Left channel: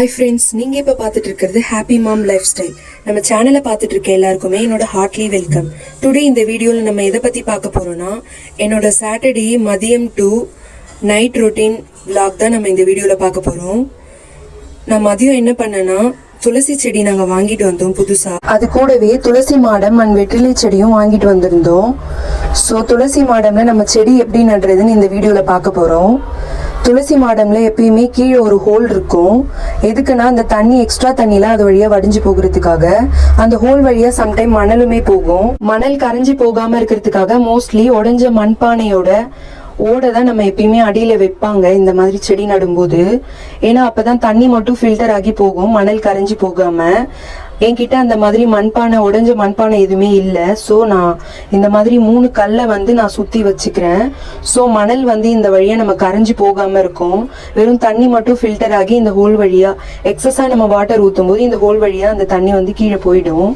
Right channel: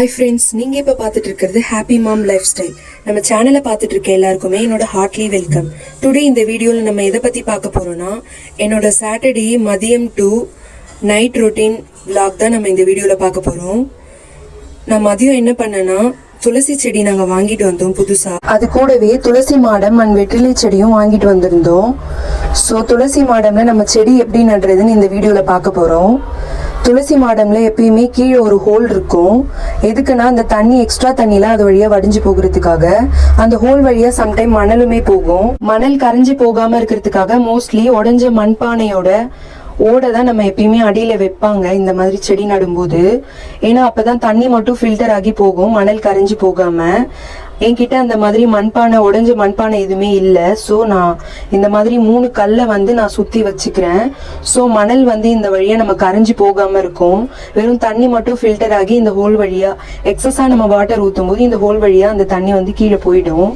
Hi friends நீங்கள் இப்போ பார்த்துட்டு இருக்கிறது ஹாப்பி மாம் லைஃப் ஸ்டைல் நம்ம சேனலை பார்த்துட்டு இருக்க எல்லாருக்குமே என்னோட ஹார்ட்லி வெல்கம் டுடே இந்த வீடியோவில் நம்ம எதை பற்றி பார்க்க போகிறோன்னா என்னோட சாட்டர்டே மதியம் டு நைட் ரொட்டீன் vlog தான் நம்ம இந்த வீடியோவில் பார்க்க போகிறோம் நான் மதியம் என்ன பண்ணேன்னா துளசி செடி நாங்கள் வாங்கிட்டு வந்தோம் புதுசாக அது கூடவே துளசி மாடம் அண்ட் வெற்றிலை செடியும் வாங்கிட்டு வந்திருந்தோம். ஸோ துளசி மாடம்ல நம்ம செடி எப்படி நடுறதுன்னு இந்த வீடியோவில் பார்க்க போகிறோம் துளசி மாடம்ல எப்பயுமே கீழே ஒரு ஹோல் இருக்கும். எதுக்குன்னா அந்த தண்ணி எக்ஸ்ட்ரா தண்ணிலாம் அது வழியா வடிஞ்சு போகிறதுக்காக. அந்த ஹோல் வழியா சம்டைம் மணலுமே போகும். மணல் கரைஞ்சு போகாம இருக்கிறதுக்காக மோஸ்ட்லி உடஞ்ச மண்பானையோட ஓடை தான் நம்ம எப்பயுமே அடியில வைப்பாங்க. இந்த மாதிரி செடி நடும்போது. ஏன்னா அப்பதான் தண்ணி மட்டும் ஃபில்டர் ஆகி போகும். மணல் கரைஞ்சி போகாம. என்கிட்ட அந்த மாதிரி மண்பானை உடஞ்ச மண்பானை எதுவுமே இல்லை. ஸோ நான் இந்த மாதிரி மூணு கல்லை வந்து நான் சுத்தி வச்சுக்கிறேன். ஸோ மணல் வந்து இந்த வழியா நம்ம கரைஞ்சு போகாம இருக்கும். வெறும் தண்ணி மட்டும் ஃபில்டர் ஆகி இந்த ஹோல் வழியா எக்ஸஸா நம்ம வாட்டர் ஊற்றும் போது இந்த ஹோல் வழியா அந்த தண்ணி வந்து கீழே போயிடும்.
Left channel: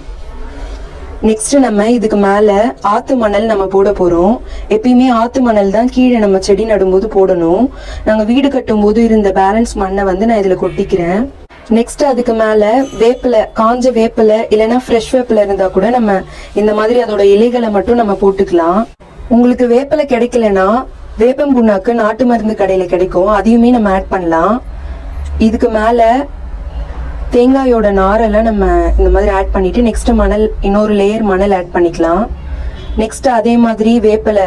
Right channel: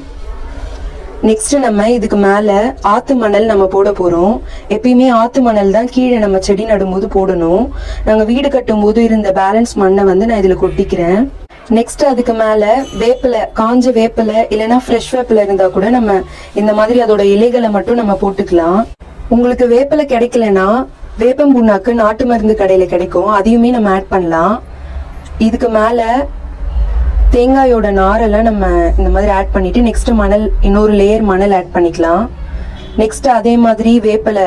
நெக்ஸ்ட் நம்ம இதுக்கு மேல ஆத்து மணல் நம்ம போட போறோம். எப்பயுமே ஆத்து மணல் தான் கீழே நம்ம செடி நடும்போது போடணும். நாங்க வீடு கட்டும் போது இருந்த பேலன்ஸ் மண்ணை வந்து நான் இதுல கொட்டிக்கிறேன். நெக்ஸ்ட் அதுக்கு மேல வேப்பிலை காஞ்ச வேப்பிலை இல்லைன்னா ஃப்ரெஷ் வேப்பிலை இருந்தா கூட நம்ம இந்த மாதிரி அதோட இலைகளை மட்டும் நம்ம போட்டுக்கலாம். உங்களுக்கு வேப்பிலை கிடைக்கலன்னா வேப்பம் புண்ணாக்கு நாட்டு மருந்து கடையில கிடைக்கும். அதையுமே நம்ம ஆட் பண்ணலாம். இதுக்கு மேல தேங்காயோட நாரெல்லாம் நம்ம இந்த மாதிரி ஆட் பண்ணிட்டு நெக்ஸ்ட் மணல் இன்னொரு லேயர் மணல் ஆட் பண்ணிக்கலாம். நெக்ஸ்ட் அதே மாதிரி வேப்பில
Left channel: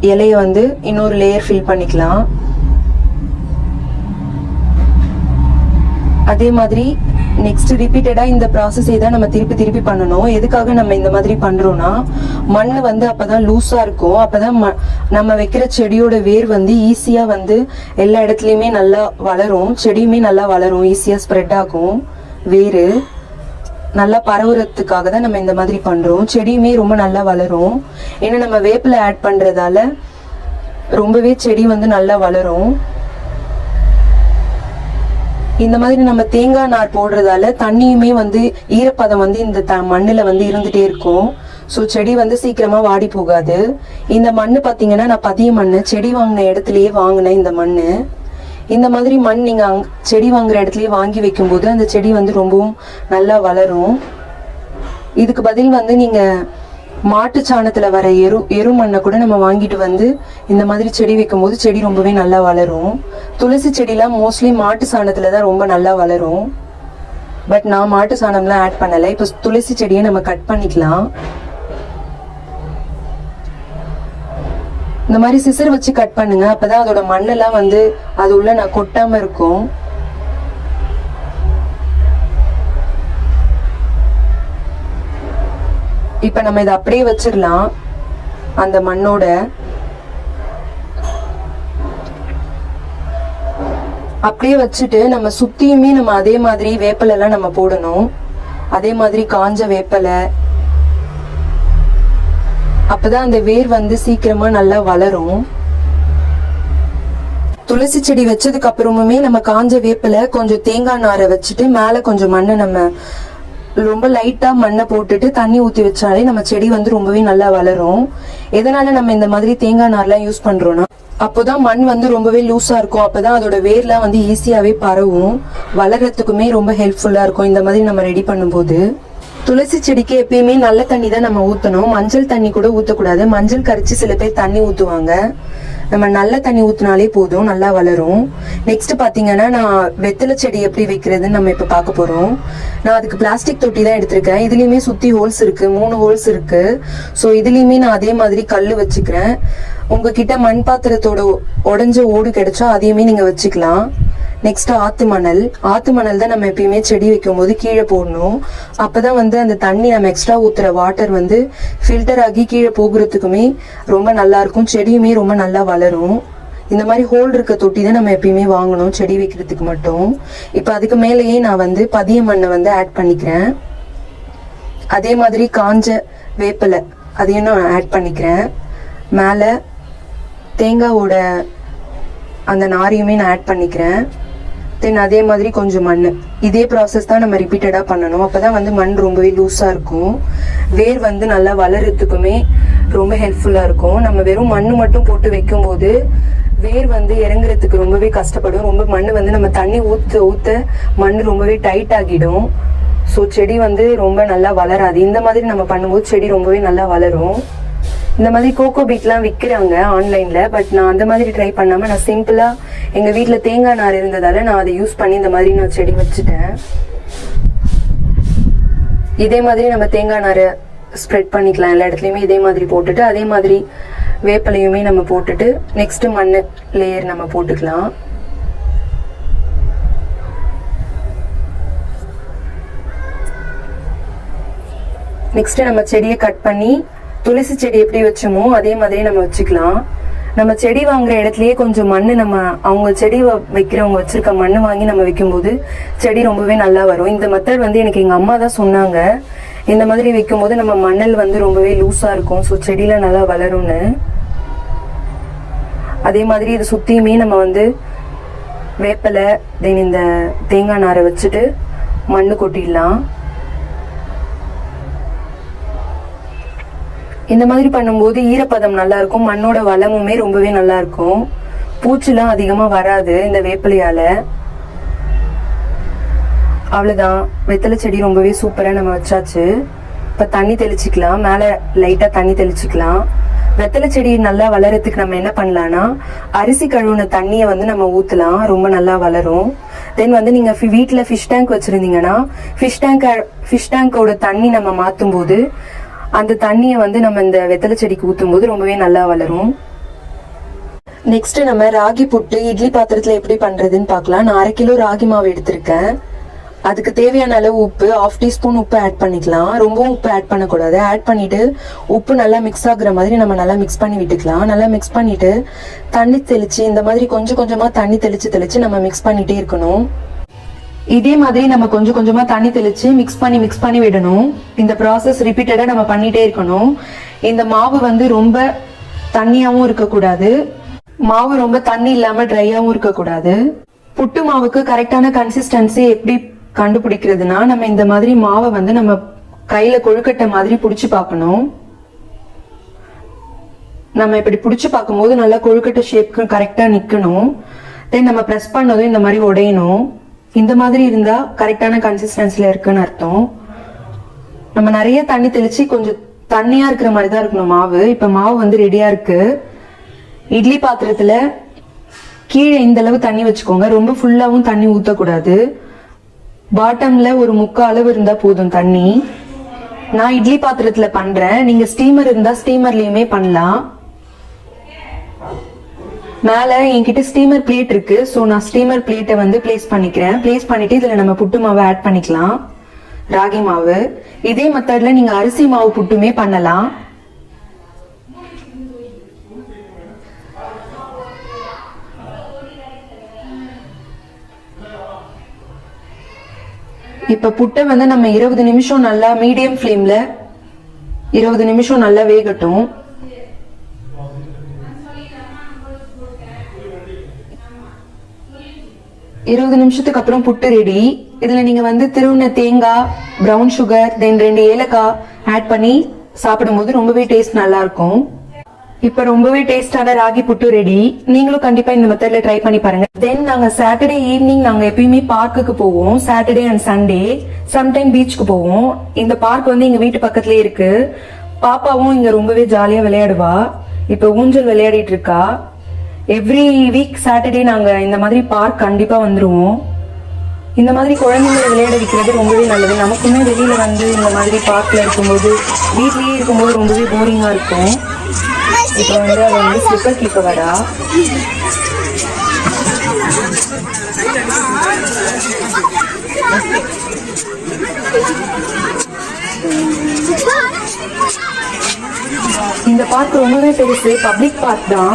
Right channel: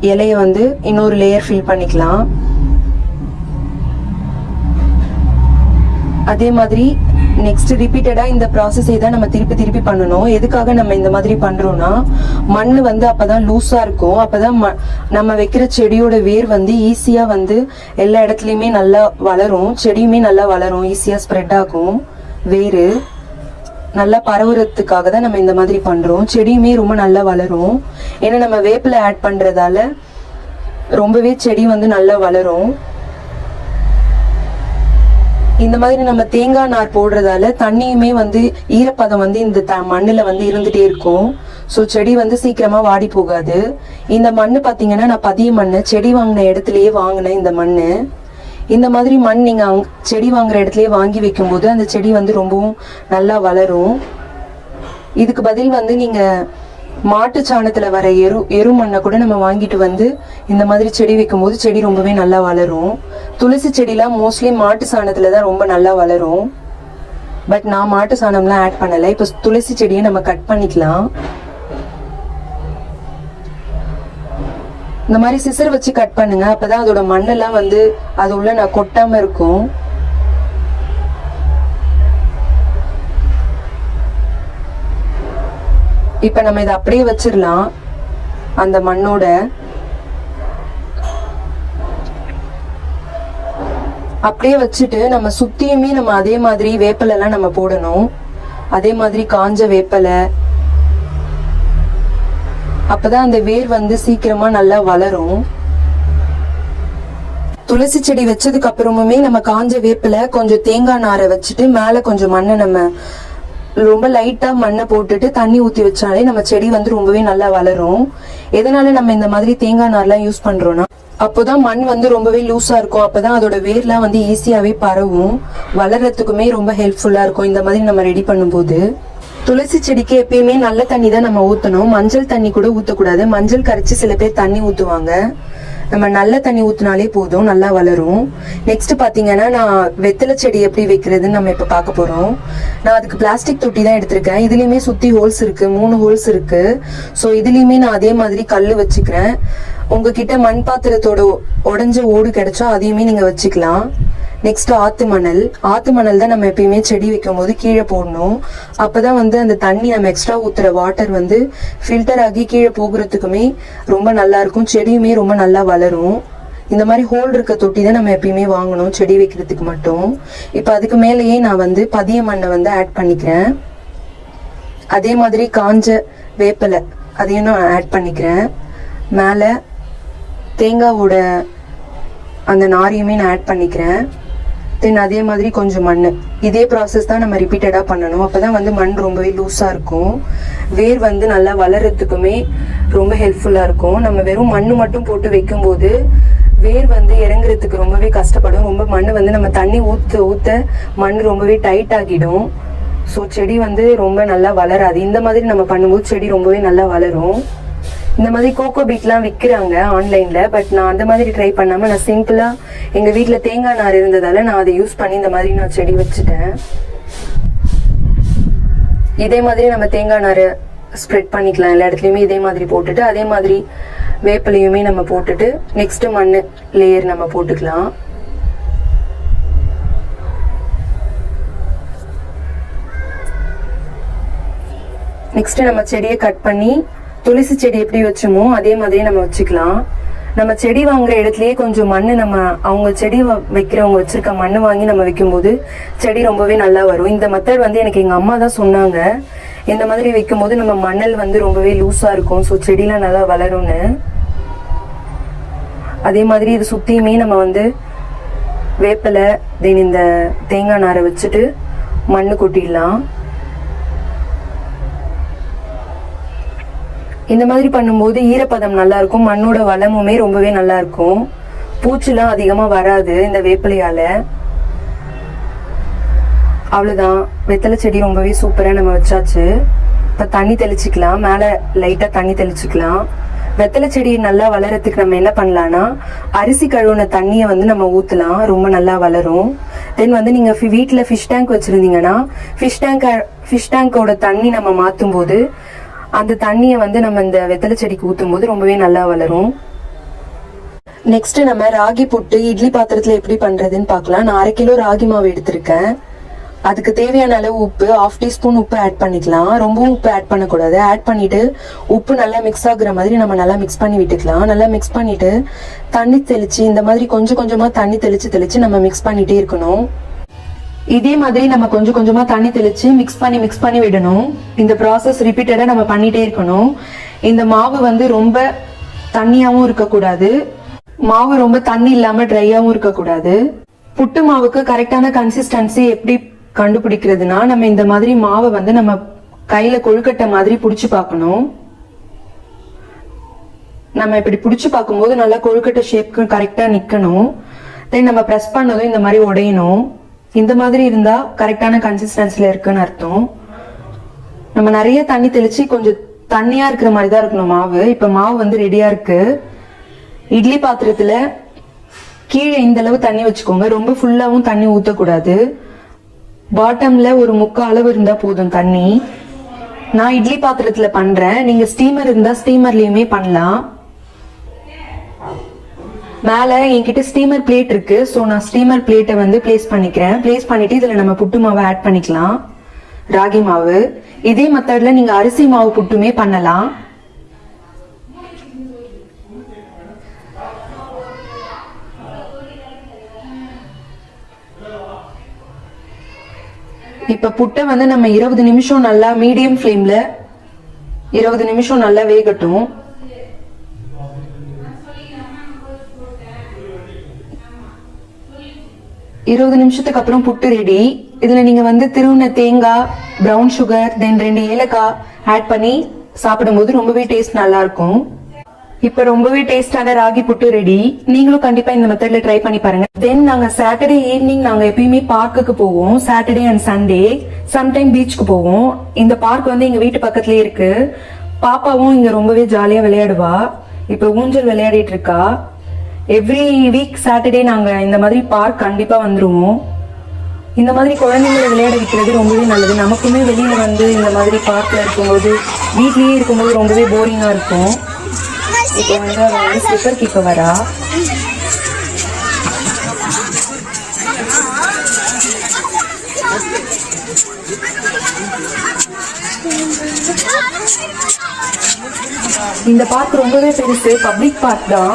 இலைய வந்து இன்னொரு லேயர் ஃபில் பண்ணிக்கலாம். அதே மாதிரி நெக்ஸ்ட் ரிப்பீட்டடா இந்த ப்ராசஸை தான் நம்ம திருப்பி திருப்பி பண்ணணும். எதுக்காக நம்ம இந்த மாதிரி பண்றோம்னா மண் வந்து அப்பதான் லூஸா இருக்கும். அப்பதான் ம- நம்ம வைக்கிற செடியோட வேர் வந்து ஈஸியா வந்து எல்லா இடத்துலயுமே நல்லா வளரும். செடியுமே நல்லா வளரும் ஈஸியா ஸ்ப்ரெட் ஆகும். வேறு நல்லா பரவுறதுக்காக தான் நம்ம இந்த மாதிரி பண்றோம். செடியுமே ரொம்ப நல்லா வளரும். ஏன்னா நம்ம வேப்பில் ஆட் பண்றதால ரொம்பவே செடி வந்து நல்லா வளரும். இந்த மாதிரி நம்ம தேங்காய் நார் போடுறதால தண்ணியுமே வந்து ஈரப்பதம் வந்து இந்த த மண்ணில் வந்து இருந்துகிட்டே இருக்கும். ஸோ செடி வந்து சீக்கிரமா வாடி போகாது. இந்த மண்ணு பார்த்தீங்கன்னா நான் பதிய மண்ணு செடி வாங்கின இடத்துலயே வாங்கினேன் இந்த மண்ணு. இந்த மாதிரி மண் நீங்கள் அங் செடி வாங்குற இடத்துலயே வாங்கி வைக்கும்போது அந்த செடி வந்து ரொம்பவும் நல்லா வளரும். இதுக்கு பதில் வந்து நீங்கள் மாட்டு சாணத்தில் வர எரு எரு மண்ணை கூட நம்ம வாங்கிட்டு வந்து இந்த மாதிரி செடி வைக்கும்போது செடி ரொம்பவே நல்லா வளரும். துளசி செடிலாம் மோஸ்ட்லி மாட்டு சாணத்தில் தான் ரொம்ப நல்லா வளரும். பட் நான் மாட்டு சாணம்லாம் ஆட் பண்ணலை. இப்போ துளசி செடியை நம்ம கட் பண்ணிக்கலாம். இந்த மாதிரி சிசர் வச்சு கட் பண்ணுங்க. அப்பதான் அதோட மண்ணெல்லாம் வந்து அது உள்ள நான் கொட்டாம இருக்கும். இப்ப நம்ம இதை அப்படியே வச்சிடலாம். அந்த மண்ணோட. அப்படியே வச்சுட்டு நம்ம சுத்தியுமே நம்ம அதே மாதிரி வேப்பலை எல்லாம் நம்ம போடணும். அதே மாதிரி காஞ்ச வேப்பலை அப்பதான் அந்த வேர் வந்து சீக்கிரமா நல்லா வளரும். துளசி செடி வச்சதுக்கு அப்புறமுமே நம்ம காஞ்ச வேப்பில கொஞ்சம் தேங்காய் நாரை வச்சுட்டு மேல கொஞ்சம் மண்ணை நம்ம ரொம்ப லைட்டா மண்ணை போட்டுட்டு தண்ணி ஊத்தி வச்சாலே நம்ம செடி வந்து ரொம்பவே நல்லா வளரும். எதனால நம்ம இந்த மாதிரி தேங்காய் நார்லாம் யூஸ் பண்றோம்னா அப்போதான் மண் வந்து ரொம்பவே லூஸா இருக்கும். அப்பதான் அதோட வேர்லாம் வந்து ஈஸியாவே பரவும். வளர்றதுக்குமே ரொம்ப ஹெல்ப்ஃபுல்லா இருக்கும். இந்த மாதிரி நம்ம ரெடி பண்ணும்போது. துளசி செடிக்கு எப்பயுமே நல்ல தண்ணி தான் நம்ம ஊத்தணும். மஞ்சள் தண்ணி கூட ஊத்தக்கூடாது. மஞ்சள் கரைச்சி சில பேர் தண்ணி ஊத்துவாங்க. நம்ம நல்ல தண்ணி ஊத்தினாலே போதும் நல்லா வளரும். நெக்ஸ்ட் பாத்தீங்கன்னா நான் வெத்தலை செடி எப்படி வைக்கிறதுன்னு நம்ம இப்ப பார்க்க போறோம். நான் அதுக்கு பிளாஸ்டிக் தொட்டி தான் எடுத்திருக்கேன். இதுலயுமே சுத்தி ஹோல்ஸ் இருக்கு. மூணு ஹோல்ஸ் இருக்கு. ஸோ இதுலயுமே நான் அதே மாதிரி கல்லு வச்சுக்கிறேன். உங்ககிட்ட மண் பாத்திரத்தோட உடஞ்ச ஓடு கிடைச்சா அதையுமே நீங்க வச்சுக்கலாம். நெக்ஸ்ட் ஆத்து மணல். ஆத்து மணல் தான் நம்ம எப்பயுமே செடி வைக்கும் போது கீழே போடணும். அப்பதான் வந்து அந்த தண்ணி நம்ம எக்ஸ்ட்ரா ஊத்துற வாட்டர் வந்து ஃபில்டர் ஆகி கீழே போகிறதுக்குமே ரொம்ப நல்லா இருக்கும். செடியுமே ரொம்ப நல்லா வளரும். இந்த மாதிரி ஹோல் இருக்க தொட்டி தான் நம்ம எப்பயுமே வாங்கணும் செடி வைக்கிறதுக்கு மட்டும். இப்போ அதுக்கு மேலேயே நான் வந்து பதிய மண்ணை வந்து ஆட் பண்ணிக்கிறேன். அதே மாதிரி காஞ்ச வேப்பிலை அதையும் நான் ஆட் பண்ணிக்கிறேன். மேலே தேங்காவோட அந்த நாரையுமே நான் ஆட் பண்ணிக்கிறேன். தென் அதே மாதிரி கொஞ்சம் மண் இதே ப்ராசஸ் தான் நம்ம ரிப்பீட்டடாக பண்ணணும். அப்பதான் வந்து மண் ரொம்பவே லூஸாக இருக்கும். வேர் வந்து நல்லா வளர்கிறதுக்குமே ரொம்ப ஹெல்ப்ஃபுல்லாக இருக்கும். நம்ம வெறும் மண் மட்டும் போட்டு வைக்கும்போது வேர் வந்து இறங்குறதுக்கு ரொம்பவே கஷ்டப்படும். ரொம்ப மண் வந்து நம்ம தண்ணி ஊத்த ஊத்த மண் ரொம்பவே டைட் ஆகிடும். ஸோ செடி வந்து ரொம்ப நல்லா வளராது. இந்த மாதிரி நம்ம பண்ணும்போது செடி ரொம்பவே நல்லா வளரும். இந்த மாதிரி கோகோ பீட்லாம் விற்கிறாங்க ஆன்லைனில் பட் நான் அந்த மாதிரி ட்ரை பண்ணாமல் நான் சிம்பிளாக எங்கள் வீட்டில் தேங்காய் நார் இருந்ததால் நான் அதை யூஸ் பண்ணி இந்த மாதிரி நான் செடி வச்சுட்டேன். இதே மாதிரி நம்ம தேங்காய் நார் ஸ்ப்ரெட் பண்ணிக்கலாம். எல்லா இடத்துலயுமே இதே மாதிரி போட்டுட்டு அதே மாதிரி வேப்பிலையுமே நம்ம போட்டுட்டு நெக்ஸ்ட் மண்ணு லேயர் நம்ம போட்டுக்கலாம். நெக்ஸ்ட் நம்ம செடியை கட் பண்ணி துளசி செடி எப்படி வச்சோமோ அதே மாதிரி நம்ம வச்சுக்கலாம். நம்ம செடி வாங்குற இடத்துலயே கொஞ்சம் மண்ணு நம்ம அவங்க செடி வ- வைக்கிறவங்க வச்சிருக்க மண்ணு வாங்கி நம்ம வைக்கும்போது செடி ரொம்பவே நல்லா வரும். இந்த மெத்தட் வந்து எனக்கு எங்க அம்மா தான் சொன்னாங்க. இந்த மாதிரி வைக்கும் போது நம்ம மணல் வந்து ரொம்பவே லூஸா இருக்கும். ஸோ செடியெல்லாம் நல்லா வளரும்னு. அதே மாதிரி இது சுத்தியுமே நம்ம வந்து வேப்பிலை தென் இந்த தேங்காய் நாரை வச்சுட்டு மண்ணு கொட்டிடலாம். இந்த மாதிரி பண்ணும்போது ஈரப்பதம் நல்லா இருக்கும். மண்ணோட வளமுமே ரொம்பவே நல்லா இருக்கும். பூச்சிலாம் அதிகமா வராது இந்த வேப்பிலையால. அவ்வளவுதான். வெத்தலை செடி ரொம்பவே சூப்பரா நம்ம வச்சாச்சு. இப்ப தண்ணி தெளிச்சுக்கலாம். மேல லைட்டா தண்ணி தெளிச்சுக்கலாம். வெத்தலை செடி நல்லா வளரத்துக்கு நம்ம என்ன பண்ணலாம்னா அரிசி கழுவுன தண்ணியை வந்து நம்ம ஊத்தலாம். ரொம்ப நல்லா வளரும். தென் வந்து நீங்க வீட்டில் ஃபிஷ் டேங்க் வச்சிருந்தீங்கன்னா ஃபிஷ் டேங்க் ஃபிஷ் டேங்கோட தண்ணி நம்ம மாத்தும் போது அந்த தண்ணியை வந்து நம்ம இந்த வெத்தலை செடிக்கு ஊத்தும் போது ரொம்பவே நல்லா வளரும். நெக்ஸ்ட் நம்ம ராகி புட்டு இட்லி பாத்திரத்துல எப்படி பண்றதுன்னு பார்க்கலாம். நான் அரை கிலோ ராகி மாவு எடுத்திருக்கேன். அதுக்கு தேவையான அளவு உப்பு ஆஃப் டீஸ்பூன் உப்பு ஆட் பண்ணிக்கலாம். ரொம்பவும் உப்பு ஆட் பண்ணக்கூடாது. ஆட் பண்ணிட்டு உப்பு நல்லா மிக்ஸ் ஆகுற மாதிரி நம்ம நல்லா மிக்ஸ் பண்ணி விட்டுக்கலாம். நல்லா மிக்ஸ் பண்ணிட்டு தண்ணி தெளிச்சு இந்த மாதிரி கொஞ்சம் கொஞ்சமா தண்ணி தெளிச்சு தெளிச்சு நம்ம மிக்ஸ் பண்ணிட்டே இருக்கணும். இதே மாதிரி நம்ம கொஞ்சம் கொஞ்சமா தண்ணி தெளிச்சு மிக்ஸ் பண்ணி மிக்ஸ் பண்ணி விடணும். இந்த ப்ராசஸ் ரிப்பீட்டடா நம்ம பண்ணிட்டே இருக்கணும். இந்த மாவு வந்து ரொம்ப தண்ணியாவும் இருக்கக்கூடாது. மாவு ரொம்ப தண்ணி இல்லாம ட்ரையாவும் இருக்கக்கூடாது. புட்டு மாவுக்கு கரெக்டான கன்சிஸ்டன்சி எப்படி கண்டுபிடிக்கிறதுனா நம்ம இந்த மாதிரி மாவை வந்து நம்ம கையில கொழுக்கட்டை மாதிரி புடிச்சு பார்க்கணும். நம்ம இப்படி புடிச்சு பார்க்கும்போது நல்லா கொழுக்கட்டை ஷேப்க்கு கரெக்டா நிக்கணும். தென் நம்ம பிரஸ் பண்ணதும் இந்த மாதிரி உடையணும். இந்த மாதிரி இருந்தா கரெக்டான கன்சிஸ்டன்சில இருக்குன்னு அர்த்தம். நம்ம நிறைய தண்ணி தெளிச்சு கொஞ்சம் தண்ணியா இருக்கிற மாதிரி தான் இருக்கணும் மாவு. இப்ப மாவு வந்து ரெடியா இருக்கு. இட்லி பாத்திரத்துல கீழே இந்த அளவு தண்ணி வச்சுக்கோங்க. ரொம்ப ஃபுல்லாவும் தண்ணி ஊத்தக்கூடாது. பாட்டம்ல ஒரு முக்கால் அளவு இருந்தா போதும் தண்ணி. நான் இட்லி பாத்திரத்துல பண்றேன். நீங்க ஸ்டீமர் இருந்தா ஸ்டீமர்லயுமே பண்ணலாம். மேல என்கிட்ட ஸ்டீமர் பிளேட் இருக்கு. சோ நான் ஸ்டீமர் பிளேட்டை வந்து பிளேஸ் பண்ணிக்கிறேன். பிளேஸ் பண்ணிட்டு இதுல நம்ம புட்டு மாவை ஆட் பண்ணிக்கலாம். ராகி மாவு. இதே மெத்தட்ல நீங்க அரிசி மாவு புட்டுமே பண்ணலாம். இப்ப புட்டை வந்து நம்ம இருபது நிமிஷம் நல்லா மீடியம் ஃப்ளேம்ல இருபது நிமிஷம் நல்லா வேகட்டும். இருபது நிமிஷத்துக்கு அப்புறம் புட்டு ரெடி இதுல நீங்க வந்து திருவுண தேங்காய் பிரவுன் சுகர் தென் ரெண்டு ஏலக்காய் ஆட் பண்ணி சாப்பிடும்போது ரொம்பவே டேஸ்ட் நல்லா இருக்கும். இப்ப ரொம்பவே டேஸ்டான ராகி புட்டு ரெடி நீங்களும் கண்டிப்பா இந்த மெத்தட்ல ட்ரை பண்ணி பாருங்க. தென் நாங்க சாட்டர்டே ஈவினிங் நாங்க எப்பயுமே பார்க்குக்கு போவோம். சாட்டர்டே அண்ட் சண்டே சம்டைம் பீச்சுக்கு போவோம். இந்த பார்க் வந்து எங்க வீட்டு பக்கத்துலயே இருக்கு. பாப்பாவும் இங்க ரொம்பவே ஜாலியா விளையாடுவா. இப்ப ஊஞ்சல் விளையாடிட்டு இருக்கா. எவ்ரி வீக் சாட்டர்டே நாங்க இந்த மாதிரி பார்க் கண்டிப்பா வந்துருவோம். இந்த மாதிரி குழந்தைங்களை விளையாட வைக்கிறது ரொம்பவே நல்லது. நமக்குமே வெளியில வந்து இந்த மாதிரி பார்க்ல இருக்கும்போது வீட்லயே இருக்கும்போது ரொம்பவே போரிங்கா இருக்கும். இப்போ வந்து அது வந்து ஸ்லிப்பர் கேட்க வரா? இந்த பார்க் ரொம்பவே பெருசு பப்ளிக் பார்க் தான்.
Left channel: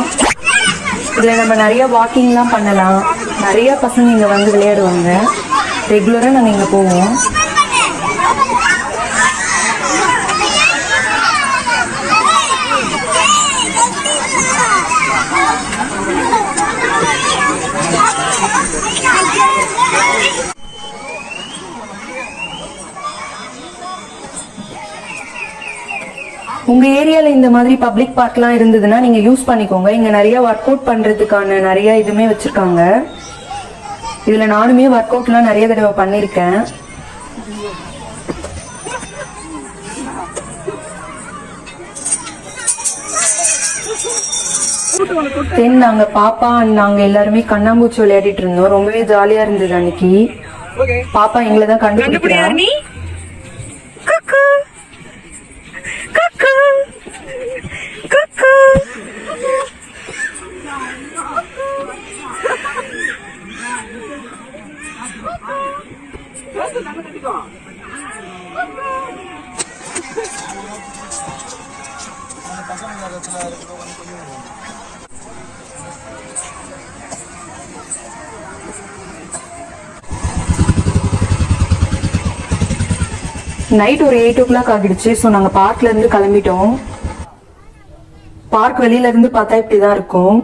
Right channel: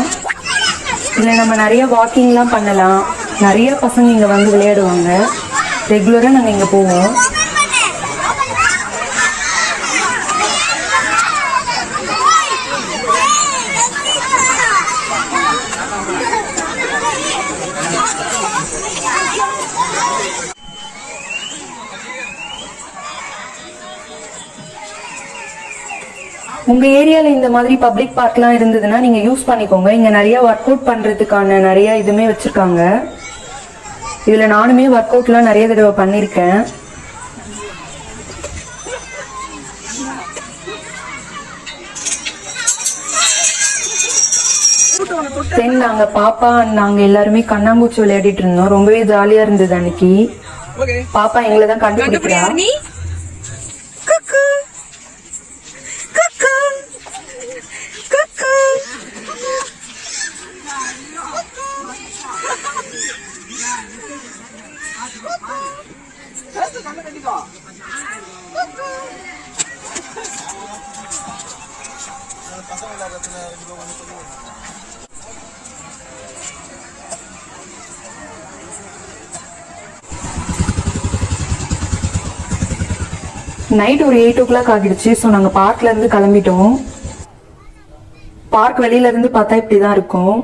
இதுல நம்ம நிறைய வாக்கிங்லாம் பண்ணலாம். நிறைய பசங்க இங்க வந்து விளையாடுவாங்க. ரெகுலரா நாங்க இங்க போவோம். உங்க ஏரியால இந்த மாதிரி பப்ளிக் பார்க்லாம் இருந்ததுன்னா நீங்க யூஸ் பண்ணிக்கோங்க. இங்க நிறைய ஒர்க் அவுட் பண்றதுக்கான நிறைய இதுமே வச்சிருக்காங்க. இதுல நானுமே ஒர்க் அவுட்லாம் நிறைய தடவை பண்ணிருக்கேன். தென் நாங்க பாப்பா நாங்க எல்லாருமே கண்ணாமூச்சி விளையாடிட்டு இருந்தோம். ரொம்பவே ஜாலியா இருந்தது அன்னைக்கு. பாப்பா எங்களை தான் கண்டுபிடிக்கிறா. நைட் ஒரு எயிட் ஓ கிளாக் ஆகிடுச்சு ஸோ நாங்கள் பார்க்ல இருந்து கிளம்பிட்டோம். பார்க் வெளியில இருந்து பார்த்தா இப்படி தான் இருக்கும்.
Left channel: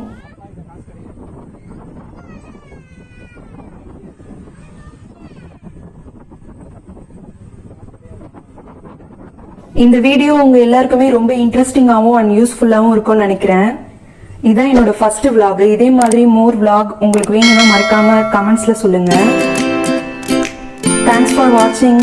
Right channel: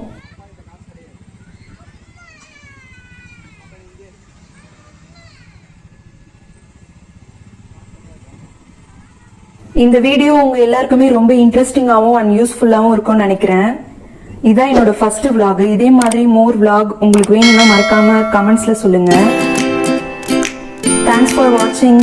இந்த வீடியோ உங்க எல்லாருக்குமே ரொம்ப இன்ட்ரெஸ்டிங்காகவும் அண்ட் யூஸ்ஃபுல்லாகவும் இருக்கும்னு நினைக்கிறேன். இதான் என்னோட ஃபர்ஸ்ட் விளாக் இதே மாதிரி மோர் விளாக் உங்களுக்கு வேணும்னா மறக்காம கமெண்ட்ஸ்ல சொல்லுங்க. தேங்க்ஸ் ஃபார் வாட்சிங்